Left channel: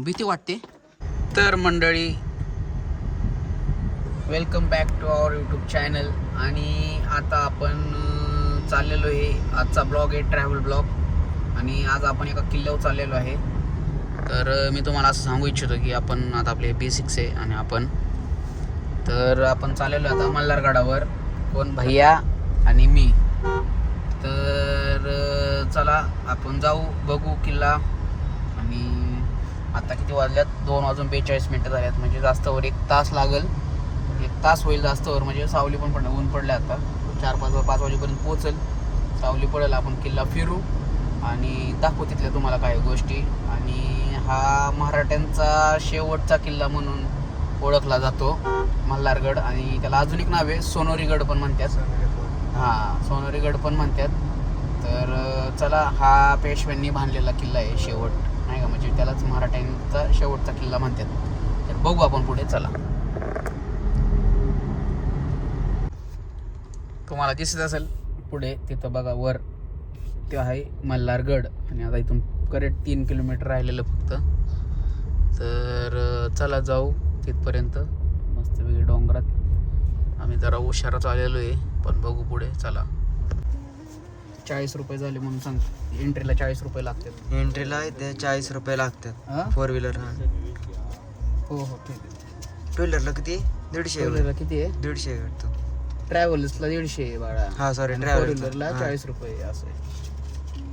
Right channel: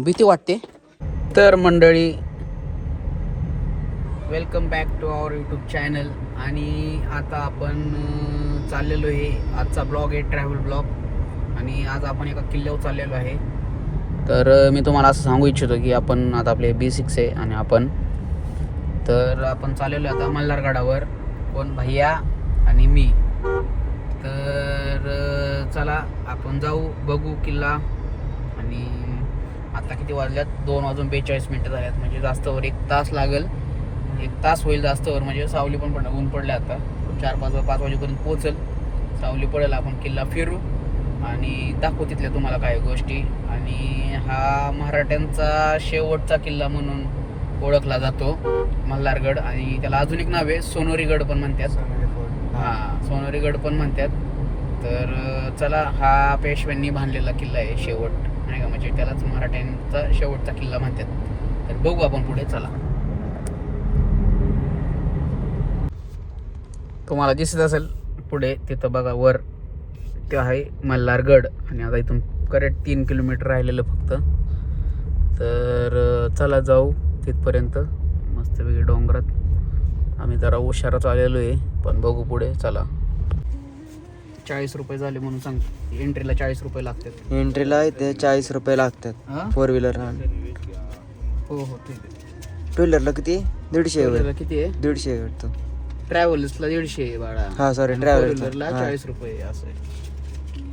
भीती वाटते. तर मंडळी welcome back to our YouTube channel आणि आता आपण चाललेलो आहे. आजचा ब्लॉग आहे ट्रॅव्हल ब्लॉग आणि आज आपण एका किल्ल्यावर चाललेलो आहे. तर मी तुम्हाला असं सांगू इच्छितो की आपण आता आपले बी सिक्स आहे आणि आपण. तर आपण चाललेलो आता मल्हारगडावर. कोण? भैया आणि मी. तर चला आपण जाऊ बघू किल्ला. आणि आता किती वाजल्यात? दोन वाजून बेचाळीस मिनटं झाल्यात. म्हणजे जास्तवर एक तास लागेल. एक तास होईल जास्तवर. म्हणजे सावली पण पडलं ऊन पडलं आता. चार पाच पाच वाजेपर्यंत पोहोचेल. सावली पडेल. आपण किल्ला फिरू आणि दाखवू तिथल्या तुम्हाला काही गोष्टी. आणि हा मराठ्यांचा शेवटचा किल्ला म्हणून ओळखला जातो मल्हारगड. आणि त्याला अजून एक नाव आहे. सोनोरीगड पण म्हणतात. हां सोनोरीगड पण म्हणतात. तर चला हा पेशव्यांनी बांधलेला किल्ला आहे शेवट. म्हणजे त्यालाच मराठ्यांचा शेवटचा किल्ला म्हणतात. तर बघू आपण पुढे चला. तुम्हाला दिसत असेल पुढे तिथं बघा वर ते आहे मल्हारगड. आणि आता इथून करेक्ट तीन किलोमीटर राहिलेलं फक्त. तर चला जाऊ तिथपर्यंत. मस्तपैकी डोंगरात. आम्ही जरा उशाराच आलेलो आहे पण बघू पुढे चला. चाळीस रुपये झाले म्हणून सांगतो. एंट्रीला चाळीस रुपये लागतात. एंट्रीला इथे चाळीस रुपये लागतात. हा? फोर व्हीलर हो हो ठीक आहे. टू व्हीलरला किती? दीडशे किती आहे? दीडशे वाटतं. ट्रॅव्हल्सला दीडशे आहे बाळा. हा सॉरी हा. चाळीस रुपये असं आहे.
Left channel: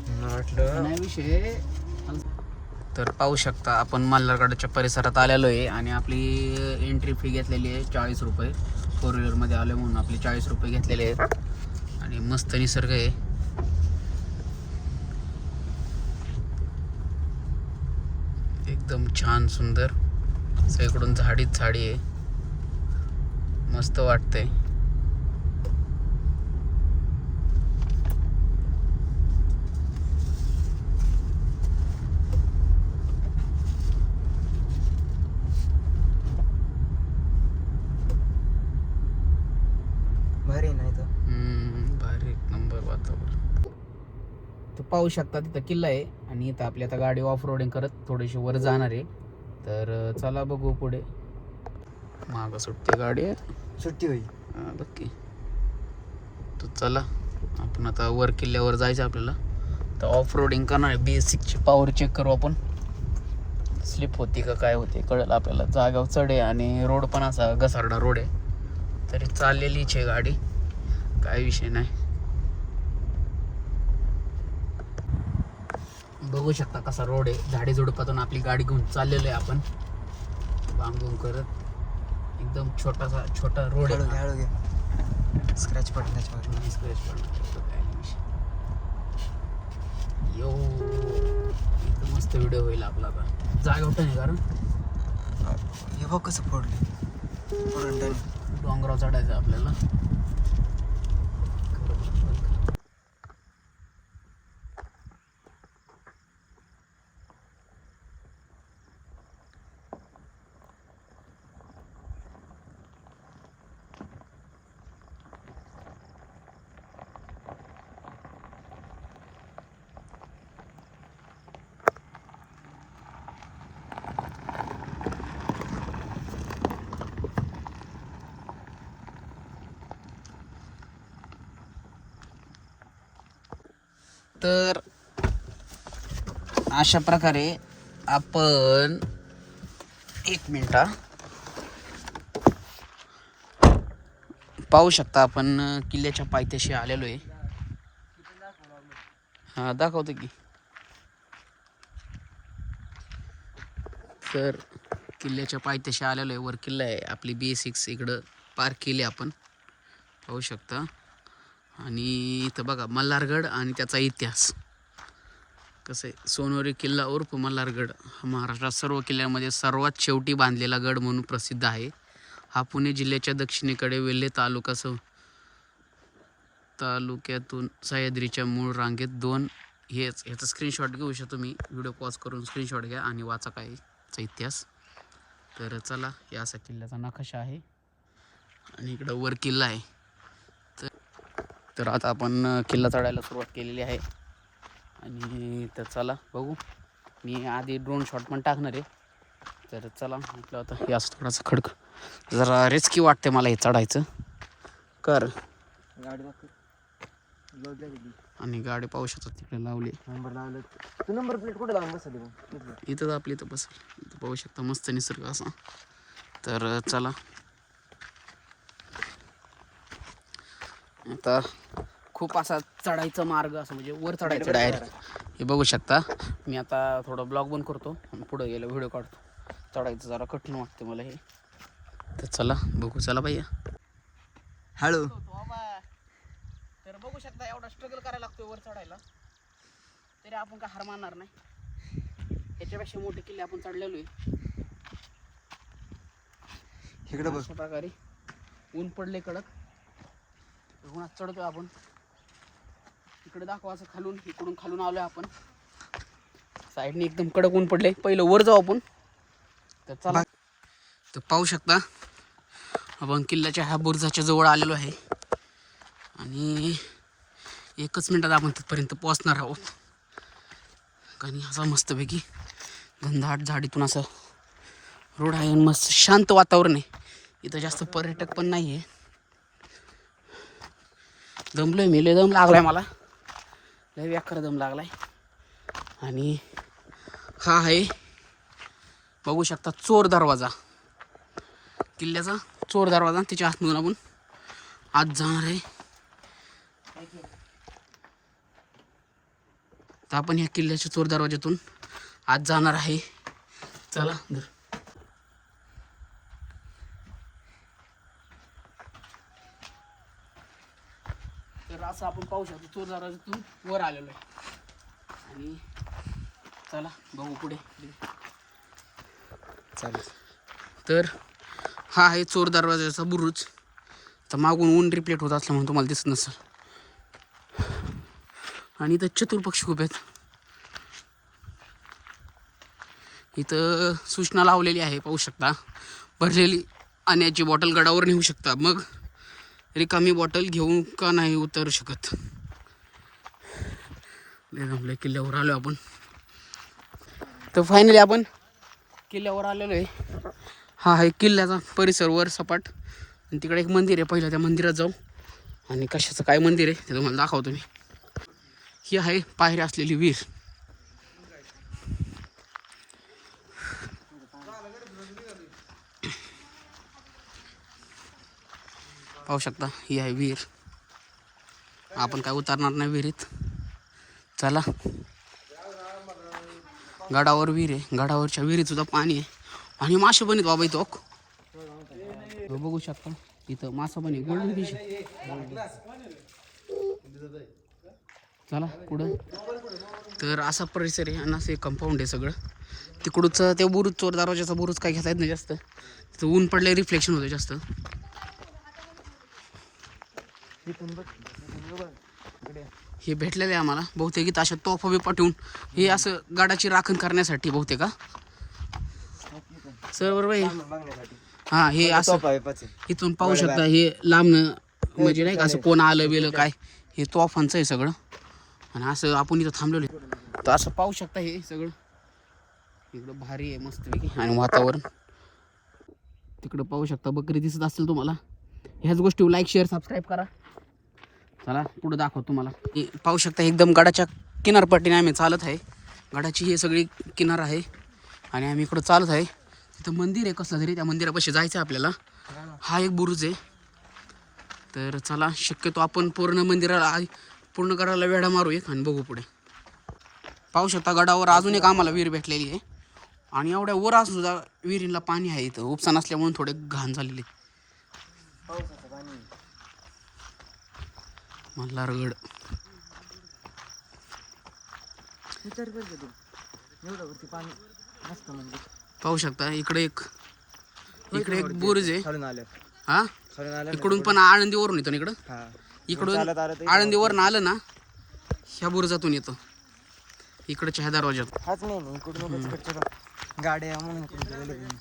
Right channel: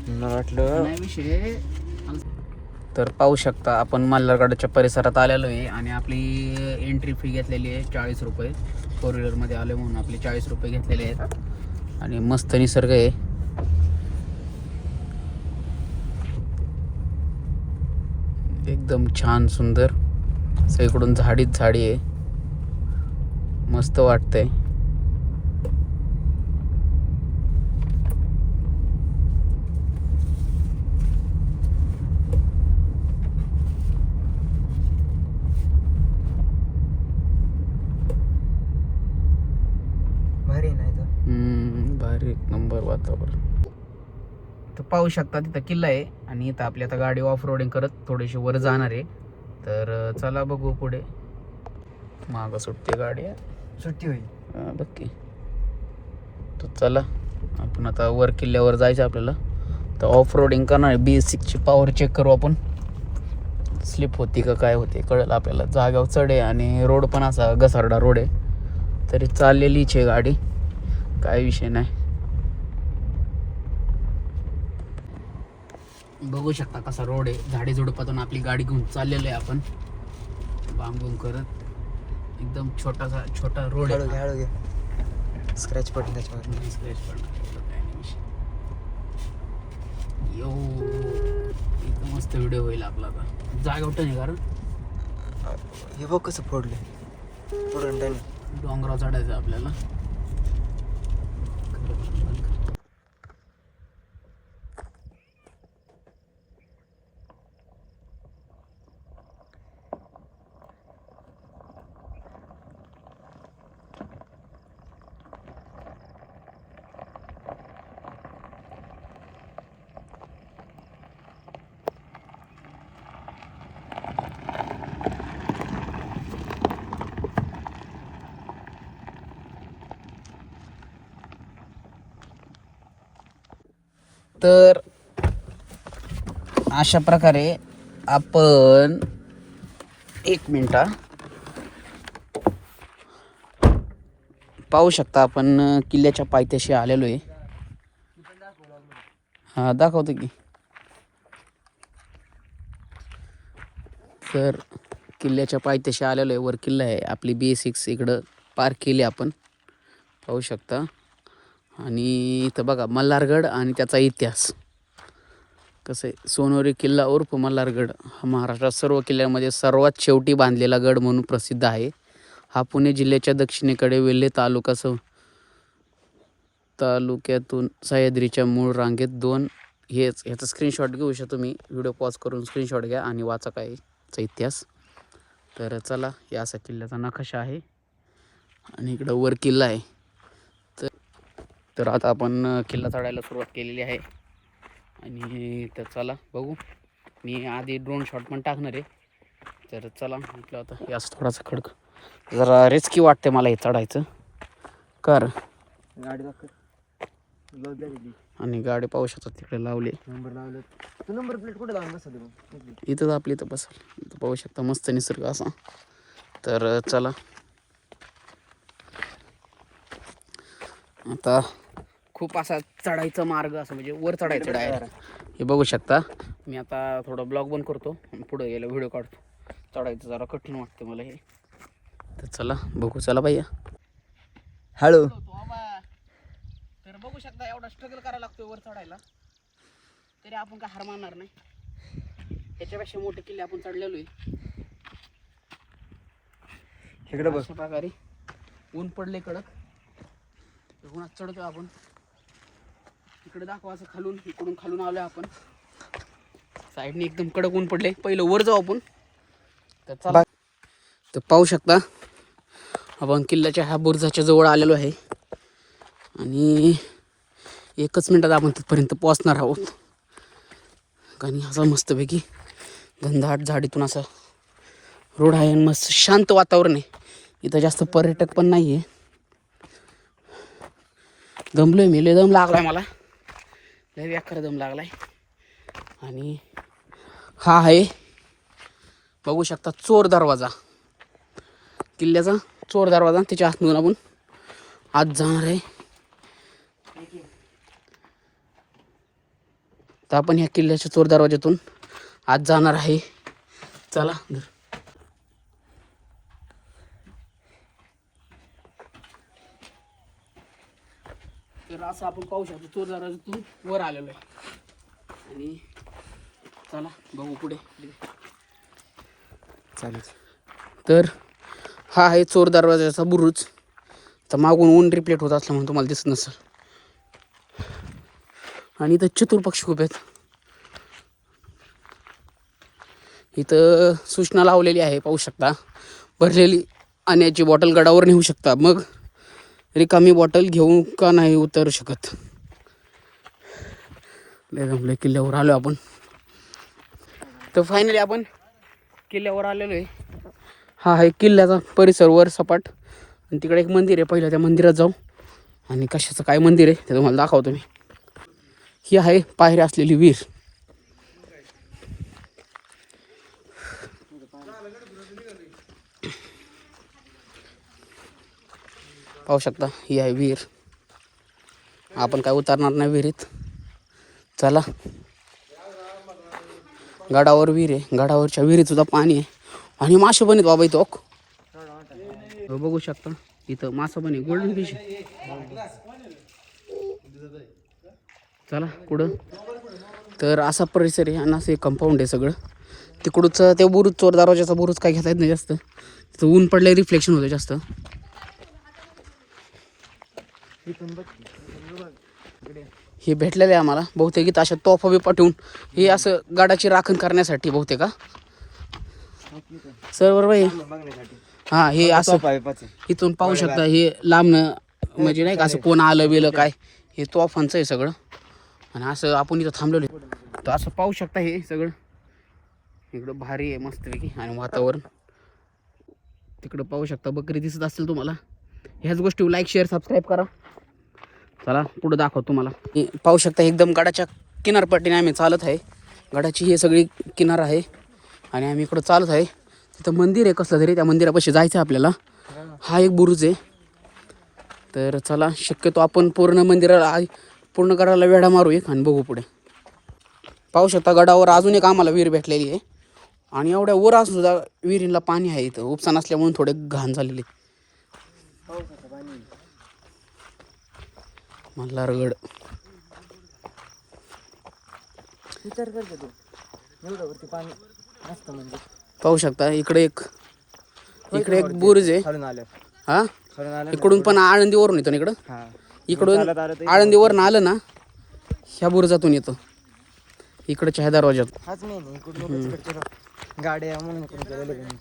मला वाटलं आणि विषय तर पाहू शकता आपण मल्हारगडाच्या परिसरात आलेलो आहे आणि आपली एंट्री फी घेतलेली आहे चाळीस रुपये. फोर व्हीलरमध्ये आलो म्हणून आपले चाळीस रुपये घेतलेले आहेत. आणि मस्त निसर्ग आहे. एकदम छान सुंदर. सगळीकडून झाडीच झाडी आहे. मस्त वाटतंय. भारी नाही तो हम्म, भारी एक नंबर वातावरण. तर पाहू शकता तिथं किल्ला आहे. आणि इथं आपली आता गाडी ऑफ रोडिंग करत थोडीशी वर जाणार आहे. तर चला बघू पुढे. मागं सुटते गाडी. सुट्टी होईल. बघ तर चला आपण आता वर किल्ल्यावर जायचं आपल्याला. तर ऑफ रोडिंग करणार आहे. बी सिक्सची पॉवर चेक करू आपण. स्लिप होती का काय होती कळेल आपल्याला. जाग्यावर चढ आहे आणि रोड पण असा घसारडा रोड आहे. तरी चाललेलीच आहे गाडी. काय विषय नाही. बघू शकता कसा रोड आहे. झाडी झुडपातून आपली गाडी घेऊन चाललेलो आहे आपण. बांबून करत. एकदम छोटासा छोटा रोड आहे. स्क्रॅच पडलं त्याच्यावर यो इथं मस्त व्हिडिओ होईल आपला आता. जागा उठं नाही कारण. हे बघ कसं फोडले डोंगरावर चढायचं आपल्याला. तर अशा प्रकारे आपण एक मिनटा पाहू शकता आपण किल्ल्याच्या पायथ्याशी आलेलो आहे. हा दाखवतो की. तर किल्ल्याच्या पायथ्याशी आलेलो आहे. वर किल्ला आहे. आपली बी सिक्स इकडं पार्क केली आपण. पाहू शकता. आणि इथं बघा मल्हारगड आणि त्याचा इतिहास. कसं आहे सोनोरी किल्ला उर्फ मल्हारगड हा महाराष्ट्रात सर्व किल्ल्यांमध्ये सर्वात शेवटी बांधलेला गड म्हणून प्रसिद्ध आहे. हा पुणे जिल्ह्याच्या दक्षिणेकडे वेल्हे तालुका स तालुक्यातून सह्याद्रीच्या मूळ रांगेत दोन हेच ह्याचा स्क्रीनशॉट घेऊ शकतो तुम्ही. व्हिडिओ पॉज करून स्क्रीनशॉट घ्या आणि वाचा काय चा इतिहास. तर चला या असा किल्ल्याचा नकाशा आहे. आणि इकडं वर किल्ला आहे. तर आता आपण किल्ला चढायला सुरुवात केलेली आहे. आणि तर चला बघू. मी आधी ड्रोन शॉट पण टाकणार आहे. तर चला म्हटलं आता याच थोडासा खडक. जरा रिस्की वाटते मला हे चढायचं. कर. आणि गाडी पाहू शकतात तिकडे लावली. नंबर लावले तू नंबर प्लेट कुठे लावून बसली इथंच आपली इथं बस इथं पाहू शकता मस्त निसर्ग असा. तर चला. आता खूप असा चढायचा मार्ग असं म्हणजे वर चढायचं. डायरेक्ट हे बघू शकता. मी आता थोडं ब्लॉग बंद करतो. आणि पुढे गेलो व्हिडिओ काढतो. चढायचं जरा कठीण वाटते मला हे. तर चला बघू चला भैया हॅलो. तर बघू शकता एवढा स्ट्रगल करायला लागतोय वर चढायला. तरी आपण काय हार मानणार नाही. याच्यापेक्षा मोठे किल्ले आपण चढलेलो आहे. इकडे बघ. प्रकारे. ऊन पडले कडक. उन्हात चढतो आपण. इकडे दाखवा असं खालून इकडून खालून आलोय आपण. साईडने एकदम कडक ऊन पडले पहिलं वर जाऊ आपण. तर चला. तर पाहू शकता आपण किल्ल्याच्या ह्या बुरजाच्या जवळ आलेलो आहे. आणि एकच मिनटात आपण तिथपर्यंत पोहोचणार आहोत. आणि असं मस्तपैकी घनदाट झाडीतून असं रोड आहे आणि मस्त शांत वातावरण आहे. इथं जास्त पर्यटक पण नाही आहे दमलोय मी लय दम लागलाय मला. लय व्याखर दम लागलाय. आणि हा आहे बघू शकता चोर दरवाजा. किल्ल्याचा चोर दरवाजा त्याच्या आतमधून आपण आत जाणार आहे. तर आपण ह्या किल्ल्याच्या चोर दरवाज्यातून आत जाणार आहे. चला असं आपण पाहू शकतो चोर दरवाजातून वर आलेलो आहे. आणि चला बघू पुढे. तर हा आहे चोर दरवाजाचा बुरुज. तर मागून ऊन रिप्लेट होत असल्यामुळे तुम्हाला दिसत नसेल. आणि इथं चतुर्पक्ष खूप आहेत. इथं सूचना लावलेली आहे पाहू शकता. भरलेली पाण्याची बॉटल गडावर नेऊ शकता. मग रिकामी बॉटल घेऊन का नाही उतरू शकत? लय जमलं किल्ल्यावर आलो आपण. तर फायनली आपण किल्ल्यावर आलेलो आहे. हा आहे किल्ल्याचा परिसर वर सपाट. आणि तिकडे एक मंदिर आहे पहिलं त्या मंदिरात जाऊ. आणि कशाचं काय मंदिर आहे ते तुम्हाला दाखवतो मी. ही आहे पायऱ्या असलेली विहीर. पाहू शकता ही आहे विहीर. आपण काय उतरणार नाही विहिरीत. चला. गडावर विहीर आहे. गडावरच्या विहिरीत सुद्धा पाणी आहे. आणि मासे पण आहेत बाबा इथं ओक. बघू शकता इथं मासा पण आहे गोल्डन फिश चला कुठं? तर असा परिसर आहे आणि असं एक कंपाऊंड आहे सगळं. तिकडूचं ते बुरुज चोर दरवाजाचा बुरुज काय घेता येत नाही जास्त. तिथं ऊन पडलं रिफ्लेक्शन होतं जास्त. हे भेटलेलं आहे आम्हाला. बहुतेक इथं अशा तोफा बी पाठवून हे असं गाडाची राखण करण्यासाठी बहुतेक का सर बरोबर आहे बघण्यासाठी हां हे असं इथून पाहू शकता हे लांबनं म्हणजे नाही का असं कोण आलं बिलं काय हे तोफांचं आहे सगळं. आणि असं आपण इथं थांबलेलो. तर असं पाहू शकता हे सगळं. इकडं भारी आहे मस्तपैकी. आणि वातावरण. तिकडं पाहू शकता बकरी दिसत असेल तुम्हाला. ह्याच गोष्टी लाईक शेअर सबस्क्राईब करा. चला पुढं दाखव तुम्हाला. पाहू शकता एकदम गडाच्या किनारपट्टीने आम्ही चालत आहे. गडाची ही सगळी किनार आहे. आणि आम्ही इकडं चालत आहे. तिथं मंदिर आहे कसलं तरी. त्या मंदिरापाशी जायचं आहे आपल्याला. हा एक बुरुज आहे. तर चला शक्यतो आपण पूर्ण मंदिराला पूर्ण गडाला वेढा मारू एक आणि बघू पुढे. पाहू शकता गडावर अजून एक आम्हाला विहीर भेटलेली आहे. आणि एवढ्या वर असून सुद्धा विहिरीला पाणी आहे इथं. उपसा नसल्यामुळे थोडे घाण झालेले मल्हारगड विचार कर तू. एवढं वरती पाणी मस्त म्हणजे. पाहू शकता इकडे एक इकडे एक बुरुज आहे. खालून आलं. हा? खालून आलं इकडून पण आळंदीवरून येतो ना इकडं? हां. इकडून आळंदीवरून आलं ना ह्या बुरुजातून येतो. इकडच्या ह्या दरवाज्यात हाच नाही ना इकडून तिकडच्या रो- गाड्या म्हणून इकडून गेलेले त्यांनी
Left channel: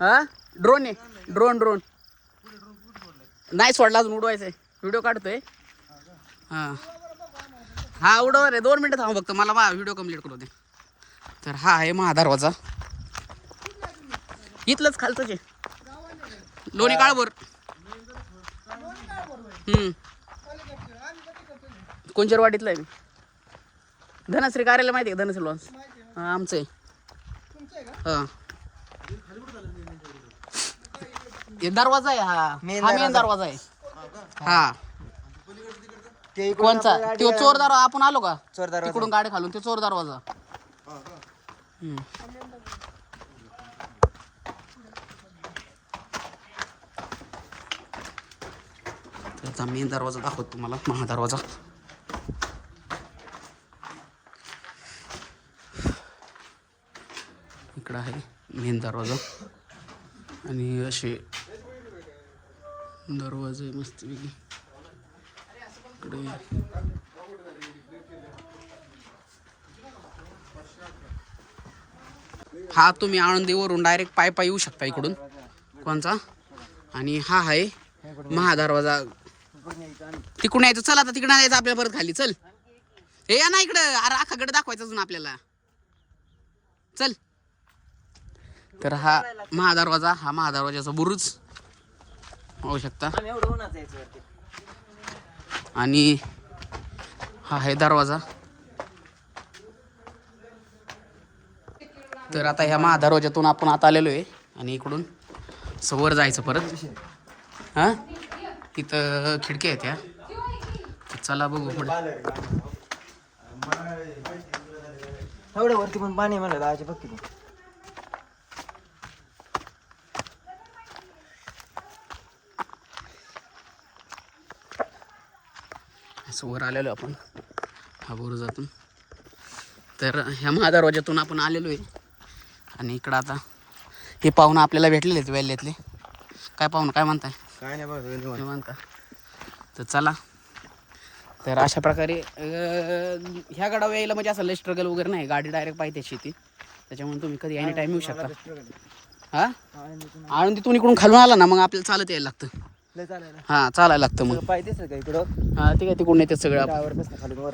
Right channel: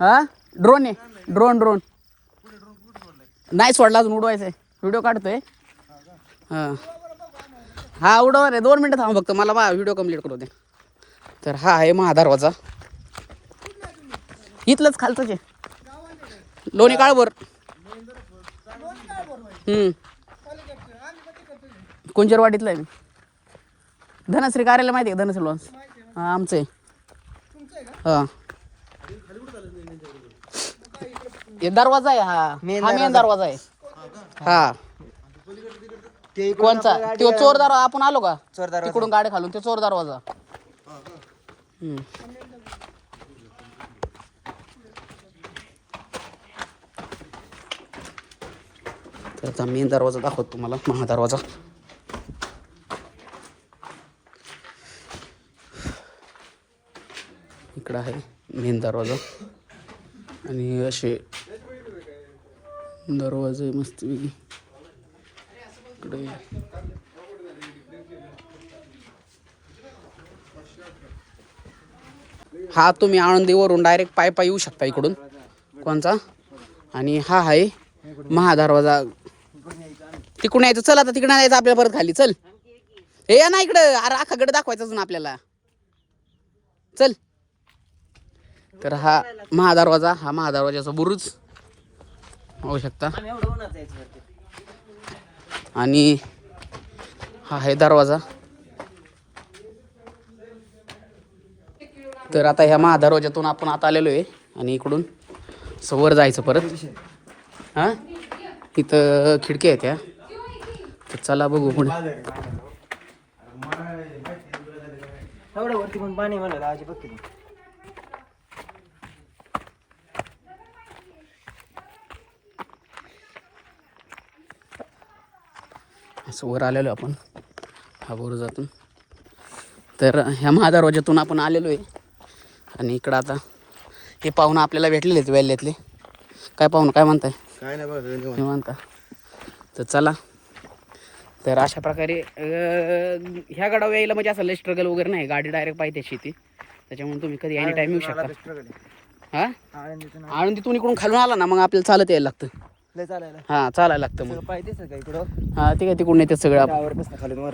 हा? ड्रोन आहे. Drone drone. नाही सोडला अजून उडवायचं व्हिडिओ काढतोय. हा. हा उडवा रे दोन मिनटं थांब फक्त. मला बा व्हिडिओ कंप्लीट करू दे. तर हा आहे महादरवाजा इथलंच खालतच आहे. लोणी काळभर. कुंजरवाडीतलं आहे. धनश्री कार्यालय माहिती आहे धनश्री लॉन्स हा आमचं आहे. हा. हे दरवाजा आहे हा. हा मेन दरवाजा आहे. हा. ते कोणचा? तो चोर दरवाजा आपण आलो का? चोर दरवाजा. तिकडून गाडी खालून ते चोर दरवाजा हम्म. तर आता मेन दरवाजा दाखवतो तुम्हाला महादरवाजा इकडं आहे मेन दरवाजा. आणि असे दरवाजे मस्त इकडे. हा तुम्ही आळंदीवरून डायरेक्ट पाय पाय येऊ शकता इकडून. कोणचा? आणि हा आहे महादरवाजा. तिकडून यायचं. चल आता तिकडे यायचं आपल्याला परत खाली. चल. हे या ना इकडं. अरे अख्खाकडे दाखवायचं अजून आपल्याला. चल. तर हा महादरवाजा हा महादरवाजाचा बुरुज. पाहू शकता आम्ही एवढं उन्हात जायचं वरती. आणि हा आहे दरवाजा. तर आता ह्या महादरवाज्यातून आपण आता आलेलो आहे आणि इकडून सवर जायचं परत. हां? इथं खिडक्या आहेत ह्या. तर चला बघू पुढे. एवढ्या वरती पण पाणी म्हणलं आजी बघ असं वर आलेलो आपण. हा बुरुजातून तर ह्या महादरवाज्यातून आपण आलेलो आहे. आणि इकडं आता हे पाहुणं आपल्याला भेटलेले आहेत वेल्ल्यातले काय पाहुणं काय म्हणताय? काय नाही बघ का तर चला. तर अशा प्रकारे ह्या गडावर यायला म्हणजे असं लय स्ट्रगल वगैरे नाही. गाडी डायरेक्ट पाहिजे शेती त्याच्यामुळे तुम्ही कधी एनी टाईम येऊ शकता. हा? आळंदीतून इकडून खालून आला ना मग आपल्याला चालत यायला लागतं. हां चालायला लागतं मग. हां ते काय तिकडून येतं सगळं आपण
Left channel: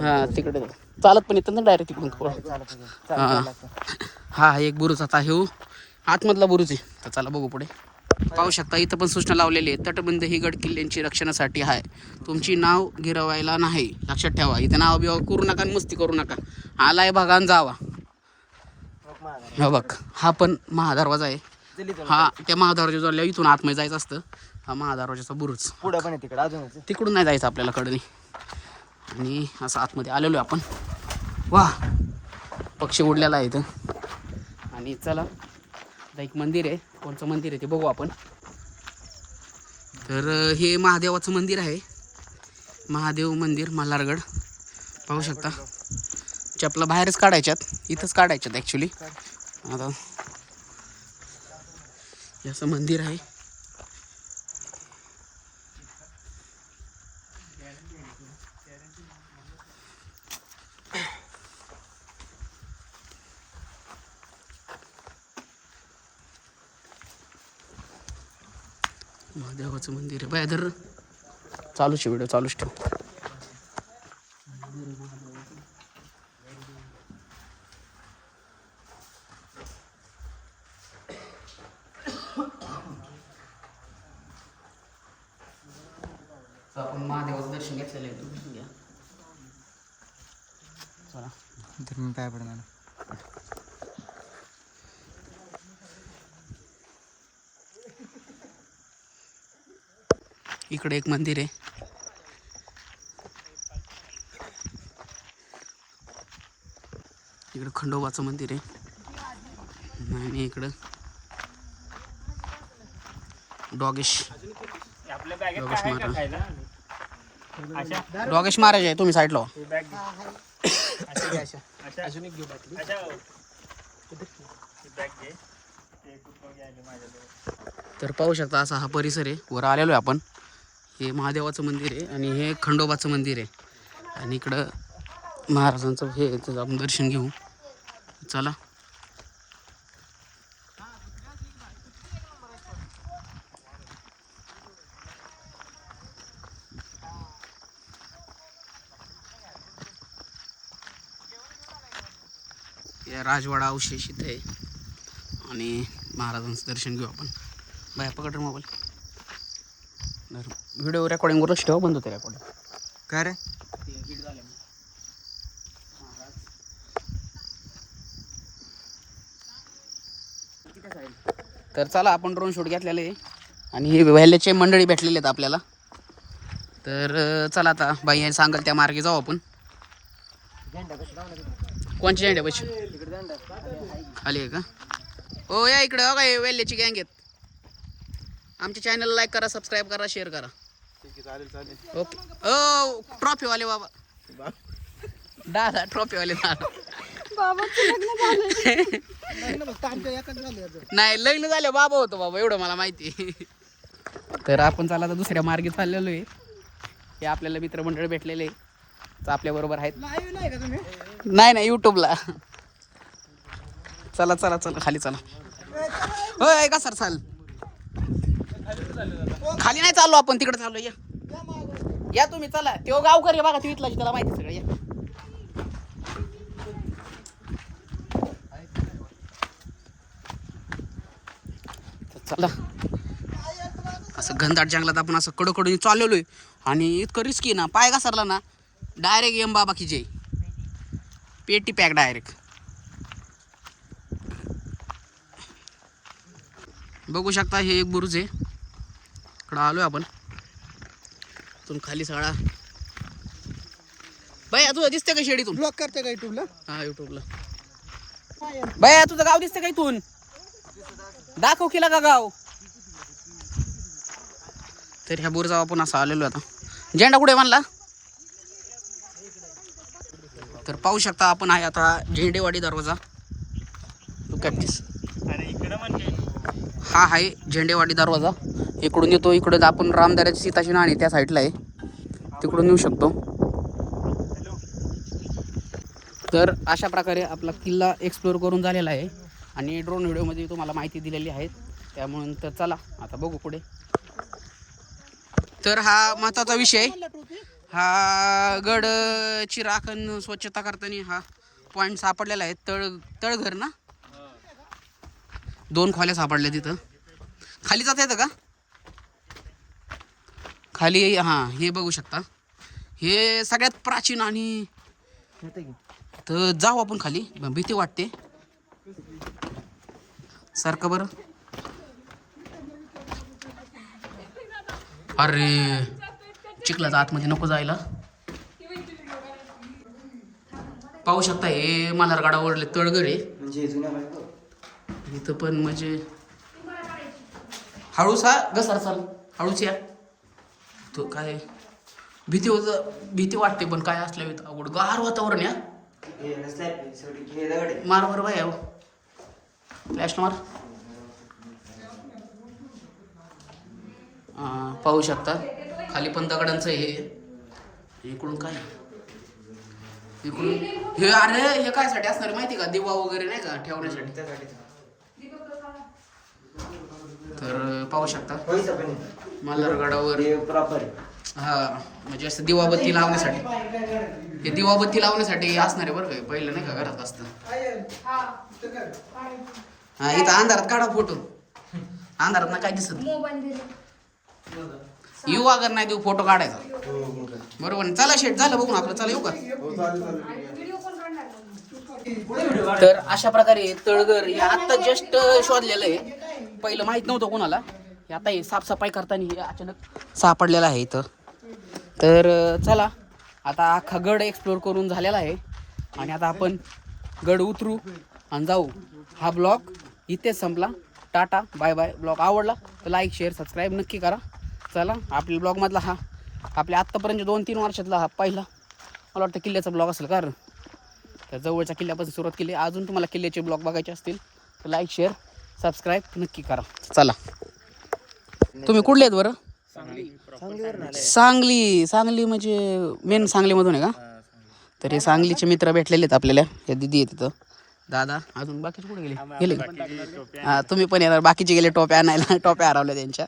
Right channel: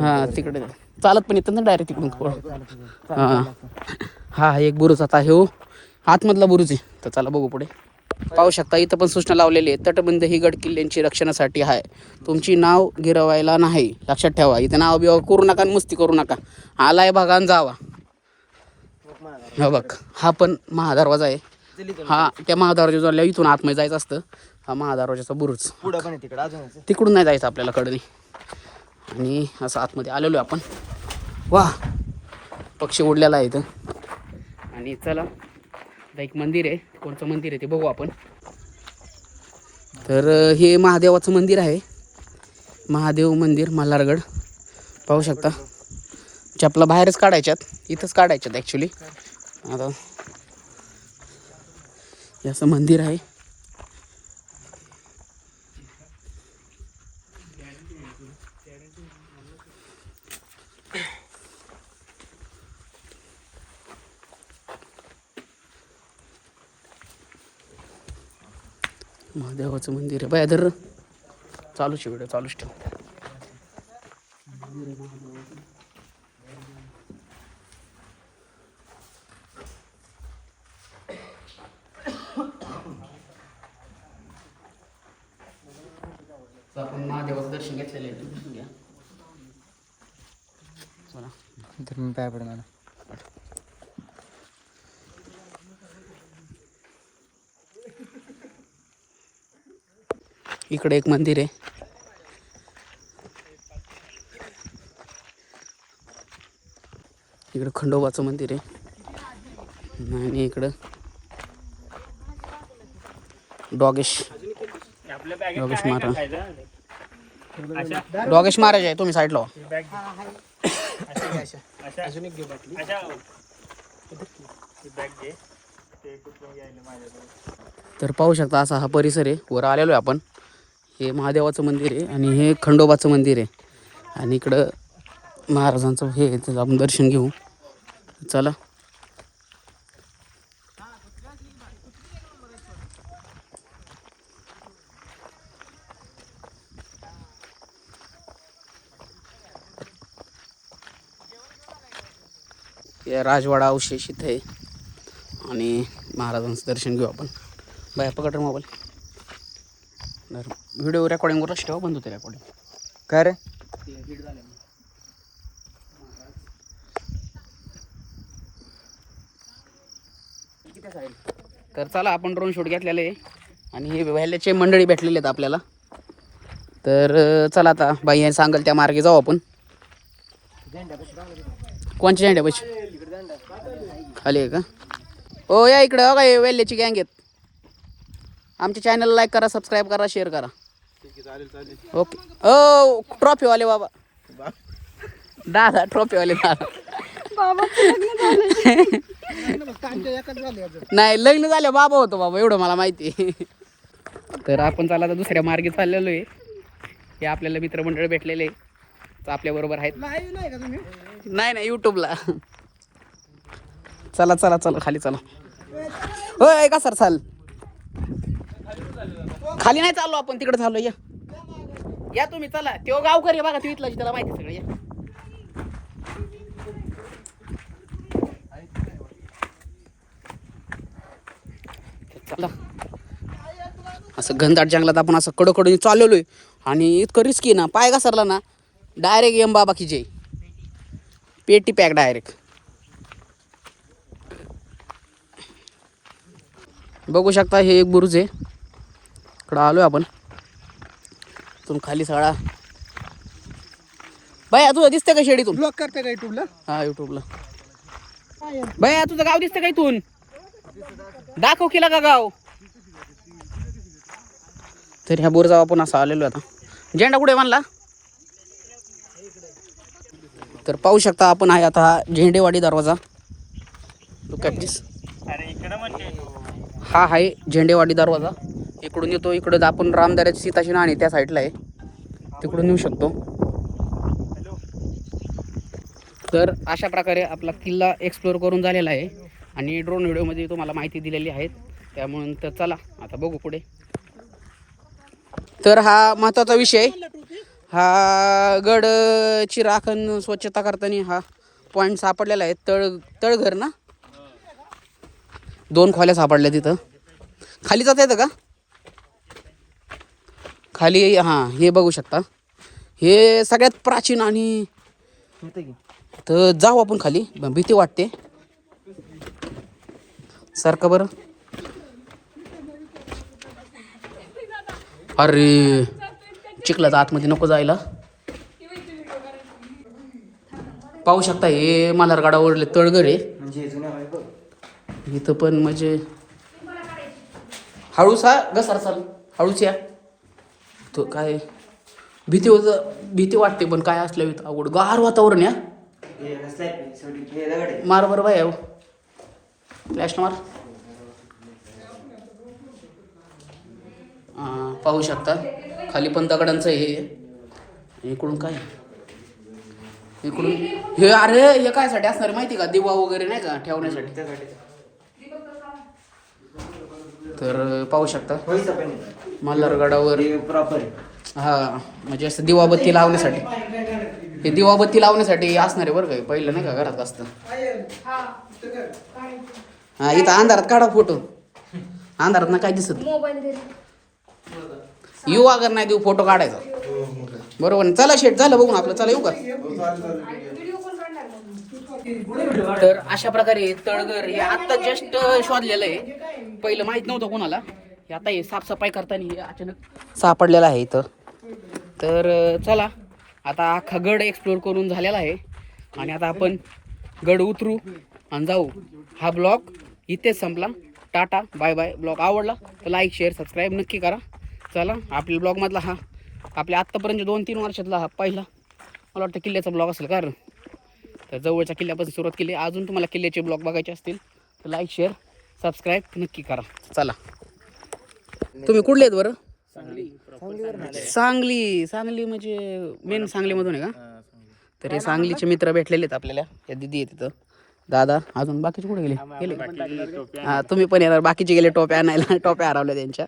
हां तिकडे. चालत पण येतं ना डायरेक्ट तिकडून. हां हा. हा एक बुरुज आता हे हो. आतमधला बुरुज आहे. तर चला बघू पुढे. पाहू शकता इथं पण सूचना लावलेली आहे. तटबंद ही गड किल्ल्यांची रक्षणासाठी आहे. तुमची नाव गिरवायला नाही. लक्षात ठेवा. इथं नाव बिवा करू नका आणि मस्ती करू नका. आलाय आणि जावा. हा बघ. हा पण महादरवाजा आहे. हा त्या महादरवाजा इथून आतमध्ये जायचं असतं. हा महादरवाजाचा बुरुज. पुढं पण आहे तिकडं अजूनच आहे. तिकडून नाही जायचं आपल्याला कडनी. आणि असं आतमध्ये आलेलो आहे आपण. वा. पक्षी उडलेला आहे इथं. आणि चला आता एक मंदिर आहे. कोणचं मंदिर आहे ते बघू आपण. तर हे महादेवाचं मंदिर आहे. महादेव मंदिर मल्हारगड. पाहू शकता. चपला बाहेरच काढायच्यात. इथंच काढायच्यात ॲक्च्युली आता असं मंदिर आहे. महादेवाचं मंदिर आहे. बाय धर चालूच व्हिडिओ चालूच ठेव. आपण महादेवाचं दर्शन घेतलेलं आहे. तुम्ही घ्या. चला. तर मी पाय पडणार. इकडे एक मंदिर आहे. इकडं खंडोबाचं मंदिर आहे. आणि इकडं डॉगेश. डॉगेश महाराज डॉगेश महाराज आहे तुम्ही साईडला अजून एक तर पाहू शकता असा हा परिसर आहे. वर आलेलो आहे आपण. हे महादेवाचं मंदिर आहे आणि हे खंडोबाचं मंदिर आहे. आणि इकडं महाराजांचं हे आपण दर्शन घेऊ. चला. राजवाडा अवशेष इथे आहे. आणि महाराजांचं दर्शन घेऊ आपण. बाय पकड मोबाईल. व्हिडिओ रेकॉर्डिंगवर लक्ष ठेवा बंद होते रेकॉर्डिंग काय रे? तर चला आपण ड्रोन शूट घेतलेले आहे. आणि ही व्हॅलीचे मंडळी भेटलेले आहेत आपल्याला. तर चला आता बाई सांगाल त्या मार्गे जाऊ आपण. कोणच्या झेंड्या पैसे खाली आहे का? हो या इकडं हो काय वेल्ल्याची गँग आहेत. आमच्या चॅनलला लाईक करा सबस्क्राईब करा शेअर करा. ओके ओ ट्रॉफीवाले बाबा. दादा ट्रॉफीवाले दादा. नाही लग्न झालं बाबा होतो बाबा एवढं मला माहिती. आहे तर आपण चालला तर दुसऱ्या मार्गे चाललेलो आहे. हे आपल्याला मित्रमंडळ भेटलेले तर आपल्या बरोबर आहेत. नाही नाही युट्यूबला चला चला चला खाली चला. होय का सर चाल? खाली नाही चाललो आपण तिकडे चाललो या. या तुम्ही चला. तो गावकरी आहे बघा तिथला त्याला माहिती सगळं या. चला. असं घनदाट जंगलात आपण असं कडकडून चाललेलो आहे आणि इतकं रिस्की ना पाय घसरला ना डायरेक्ट एम बाबा की जय. पेटी पॅक डायरेक्ट बघू शकता हे एक बुरुज आहे. इकडं आलो आहे आपण. इथून खाली सगळा बाया तुझं दिसतंय का शेडीतून ब्लॉक करते का युट्यूबला हा युट्यूबला बाया तुझं गाव दिसतंय का इथून? दाखव केला का गाव. तर ह्या बोरजाव आपण असं आलेलो आता. झेंडा कुठे बांधला तर पाहू शकता आपण आहे आता हा झेंडेवाडी दरवाजा. at this. हा आहे झेंडेवाडी दरवाजा. इकडून येतो इकडं आपण रामदाऱ्याची सीताची नाणी त्या साईडला आहे. तिकडून येऊ शकतो. तर अशा प्रकारे आपला किल्ला एक्सप्लोअर करून झालेला आहे. आणि ड्रोन व्हिडिओमध्ये तुम्हाला माहिती दिलेली आहे त्यामुळे तर चला आता बघू पुढे. तर हा महत्त्वाचा विषय. हा गडची राखण स्वच्छता करताना हा पॉईंट सापडलेला आहे. तळ तळघर ना? दोन खोल्या सापडल्या तिथं. खाली जाता येतं का? खाली हां हे बघू शकता. हे सगळ्यात प्राचीन आणि तर जाऊ आपण खाली. भीती वाटते. सारखं बरं. अरे चिखलात आतमध्ये नको जायला. पाहू शकता हे मल्हारगडावरले तळगड आहे. इथं पण म्हणजे हळूच हा घसार चाल. हळूच या. तो काय भीती होत भीती वाटते पण काय असलं इथं अवघड. गार वातावरण या हो. मार बरं बाय फ्लॅश मार. पाहू शकता. खाली पण दगडांचं हे इकडून काय? इकडून हे अरे हे काय साठी असणार आहे माहिती का? दिवा वगैरे नाही का ठेवण्यासाठी? तर पाहू शकता. मल्हारगडावर. हा म्हणजे असं दिवाबत्ती लावण्यासाठी. हे दिवाबत्ती लावण्यासाठी असणार आहे बरं का हे. पहिलं नाही का घरात असतं. हा इथं अंधारात काढा फोटो. अंधारात ना काय दिसत. येऊ अगर नाही देऊ फोटो काढायचा. बरोबर ना? चला शेट झालं बघून आपलं. चला येऊ का? तर अशा प्रकारे तळगर हे आत्ता जस्ट शोधलेलं आहे. पहिलं माहीत नव्हतं कोणाला. हे आता हे साफसफाई करताना हे अचानक सापडलेलं आहे इथं. तर चला आता अख्खा गड एक्सप्लोर करून झालेला आहे. आणि आता आपण गड उतरू आणि जाऊ. हा ब्लॉग इथेच संपला. Tata bye bye. ब्लॉग आवडला तर लाईक शेअर सबस्क्राईब नक्की करा. चला आपल्या ब्लॉगमधला हा. आपल्या आत्तापर्यंत दोन तीन वर्षातला हा पहिला. मला वाटतं किल्ल्याचा ब्लॉग असेल कारण. तर जवळच्या किल्ल्यापासून सुरुवात केली. अजून तुम्हाला किल्ल्याचे ब्लॉग बघायचे असतील तर लाईक शेअर सबस्क्राईब नक्की करा. चला. तुम्ही कुठले आहेत बरं? सांगली. सांगली म्हणजे मेन सांगलीमधून आहे का? तर हे सांगलीचे मित्र भेटलेले आहेत आपल्याला. या दिदी आहे तिथं. दादा अजून बाकीचे कुठे गेले? गेले का? हा तुम्ही पण येणार. बाकीचे गेले टोप्या आणायला. टोप्या हरवल्या त्यांच्या.